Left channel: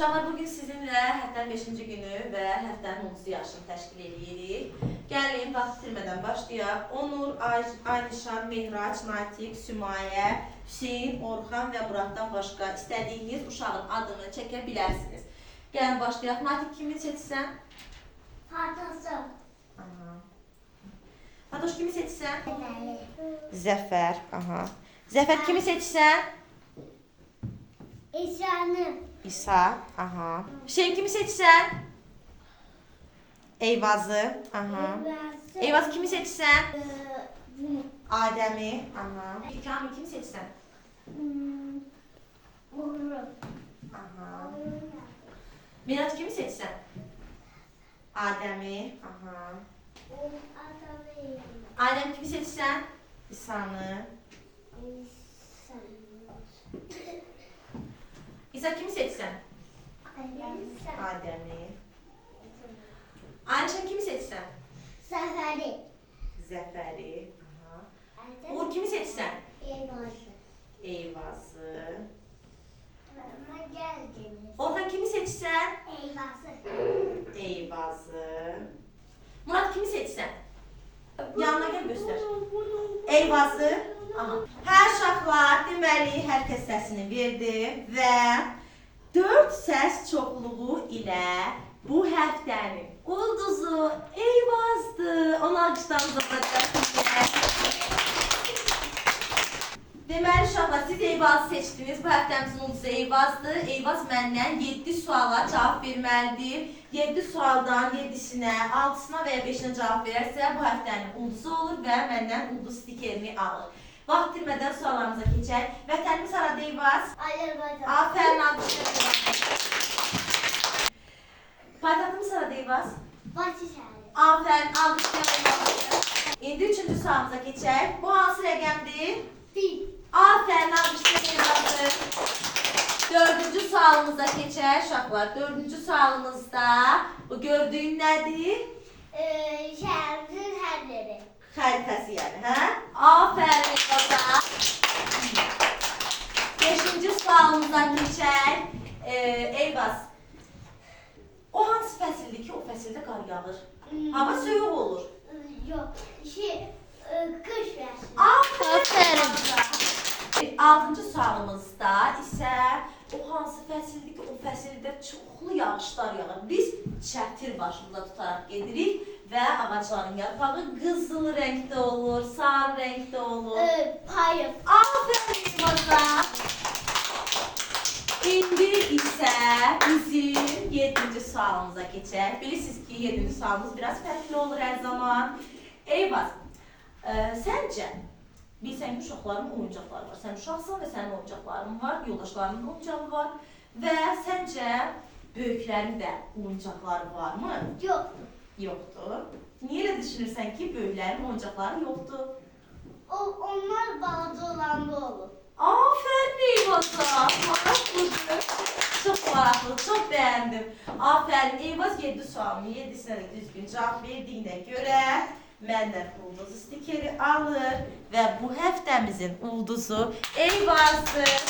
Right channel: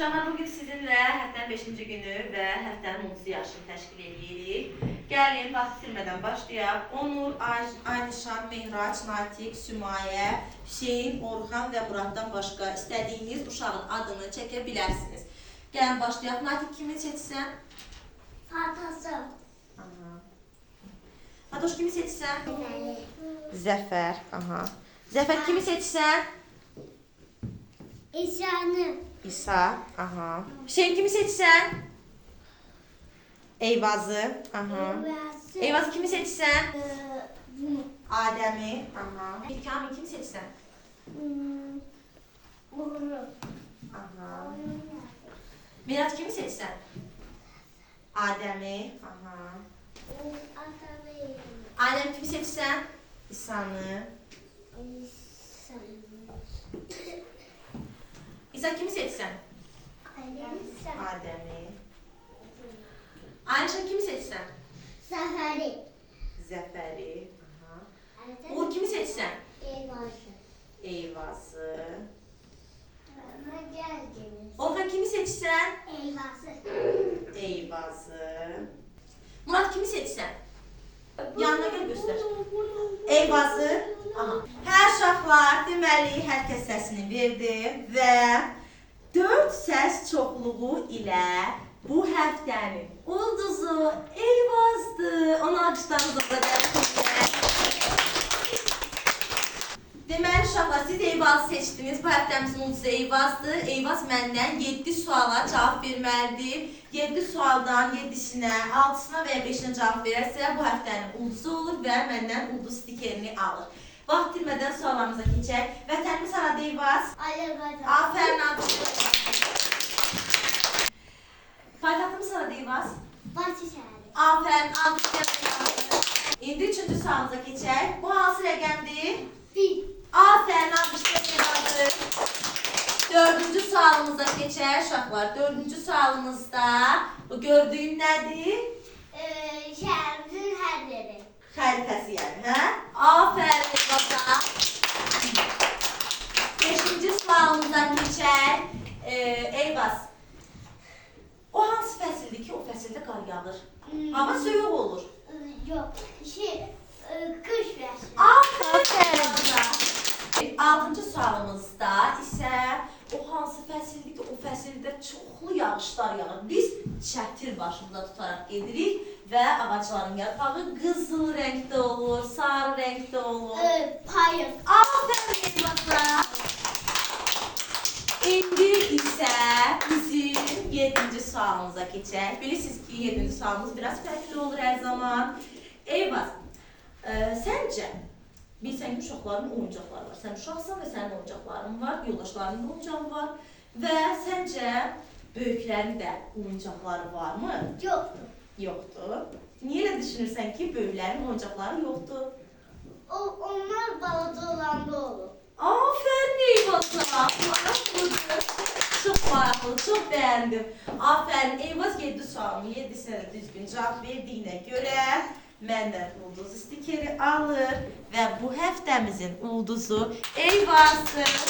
Uşaqlar, bugün sizinlə həftənin 5-ci günü və həftənin 30 yaşını təşkil edirik. Gəlin, vaxt itirmədən başlayaq. Onur, Aynişan, Mehraç, Natiq, Sümayə, Hüseyin, Orxan və Muraddan başqa istədiyiniz uşağın adını çəkə bilərsiniz. Gəlin, başlayaq. Natiq kimi seçsən? Fatosu. Fatoş kimi seçsən? Deməli. Zəfər. Zəfər kimi seçsən? İsa'nı. İsa. Hüseyin kimi seçsən? Eyvazı. Eyvazı kimi seçsən? Bunu. Adem'i. Kamil kimi seçsən? Uğurlu. Miraç kimi seçsən? Adem'i. Adem kimi seçsən? İsa'nı. İsa kimi seçsən? Adem'i. Ayşe kimi seçsən? Zaferi. Zəfəri. Uğur kimi seçsən? Eyvazı. Eyvazı. Ama geldiniz. Orhan kimi seçsən? Eyvazı. Eyvazı. Murat kimi seçsən? Yanına gel göster. Eyvazı. Hər uşaqlar deməli hər kəs səsini verdi və 4 səs çoxluğu ilə bu həftənin ulduzu Eyvazdır. Onu alqışlarınızla dəvət. Deməli uşaqlar, siz Eyvazı seçdiniz. Bu həftəmizin ulduzu Eyvazdır. Eyvaz məndən 7 suala cavab verməlidir. 7 sualdan 7-sinə, 6-sına və ya 5-inə cavab verərsə, bu həftənin ulduzu olur və məndən ulduz stikerini alır. Vaxt itirmədən suallarımıza keçək. Vətənimiz haradır Eyvaz? Azərbaycan. Afərin, alqışlar. Paytaxtımız haradır Eyvaz? Bakı şəhəri. Afərin, alqışlar. İndi 3-cü sualımıza keçək. Bu hansı rəqəmdir? 1. Afərin, alqışlar. 4-cü sualımıza keçək uşaqlar. 4-cü sualımızda bu gördüyün nədir? Şəhərimizin hər yeri. Xəritəsi yəni, hə? Afərin Eyvaza. 5-ci sualımıza keçək. Eyvaz, o hansı fəsildir ki, o fəsildə qar yağır? Hava soyuq olur. Yox. Qış fəsli. Afərin. 6-cı sualımızda isə o hansı fəsildir ki, o fəsildə çoxlu yağışlar yağır. Biz çətir başımıza tutaraq gedirik və ağacların yarpağı qızıl rəngdə olur, sarı rəngdə olur. Payız. Afərin Eyvaza. İndi isə bizim 7-ci sualımıza keçək. Bilirsiniz ki, 7-ci sualımız biraz fərqli olur hər zaman. Eyvaz, səncə, bilsən ki, uşaqların oyuncaqları var. Sən uşaqsan və sənin oyuncaqların var, yoldaşlarının da oyuncağı var. Və səncə, böyüklərin də oyuncaqları varmı? Yoxdur. Yoxdur. Niyə elə düşünürsən ki, böyüklərin oyuncaqları yoxdur? Onlar balaca olanda olur. Afərin Eyvaza. Maraqlıdır. Çox maraqlı, çox bəyəndim. Afərin Eyvaz 7 sualını 7-sinə də düzgün cavab verdiyinə görə məndən ulduz stikeri alır və bu həftəmizin ulduzu Eyvazdır.